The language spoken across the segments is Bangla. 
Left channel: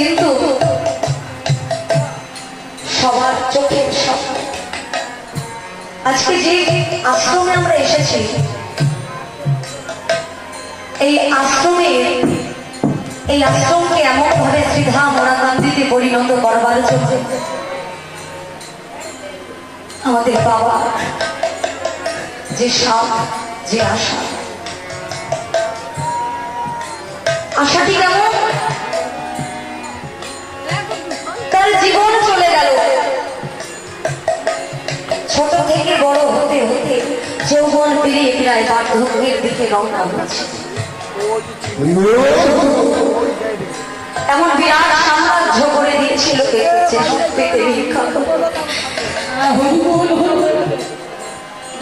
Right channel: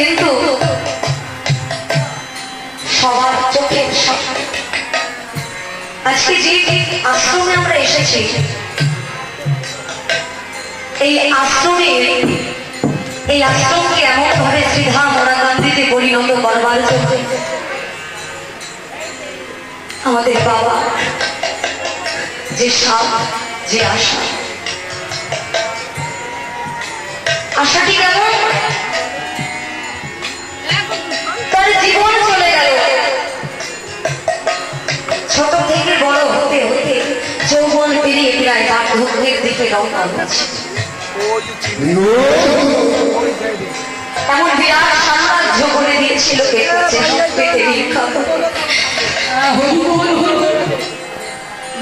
কিন্তু সবার চোখে আজকে যে আশ্রমে আমরা এসেছি, এই আশ্রমকে এমন ভাবে শ্রীধাম মোরাকান্দিতে পরিণত করবার জন্য আমাদের বাবা যে সাপ, যে আশাটি কেমন তার জীবন চলে গেল। ছোট থেকে বড় হতে হতে যৌবন পেরিয়ে প্রায় বার্ধক্যের দিকে রওনা হয়েছে। এমন বিরাট সাম্রাজ্য করে দিয়েছিল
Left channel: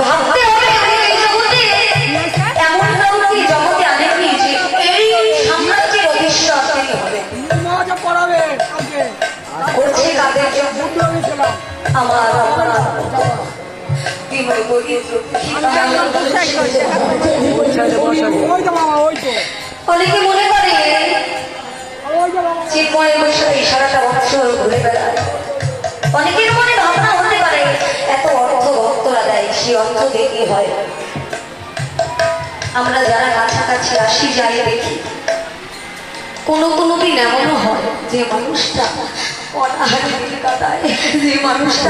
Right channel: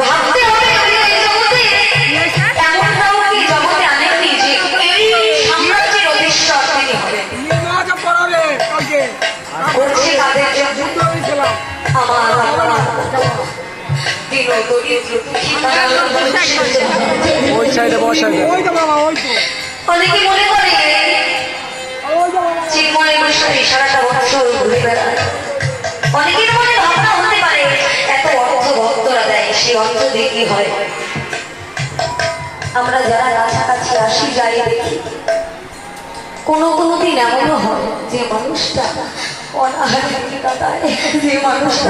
ভাবতে হবে এমন কাউকে জগতে আনেননি যে এই সাম্রাজ্যের অধীশ্বর তিনি হবেন। করছে কাদের জন্য? আমার অনেকে মনে করে চিন্ময় বিষয়ে সারাটা বছর ঘুরে বেড়ায়। অনেকের মনে ভাবনা হতে পারে এত অর্থ ভক্তরা দেয়, সেই অর্থ দিয়ে কি হয়? আমরা যারা কাছাকাছি আসি যাই দেখি কোনো দিন এমনও হয় যে মানুষটা অনাহারে কাটায়, যে মানুষটা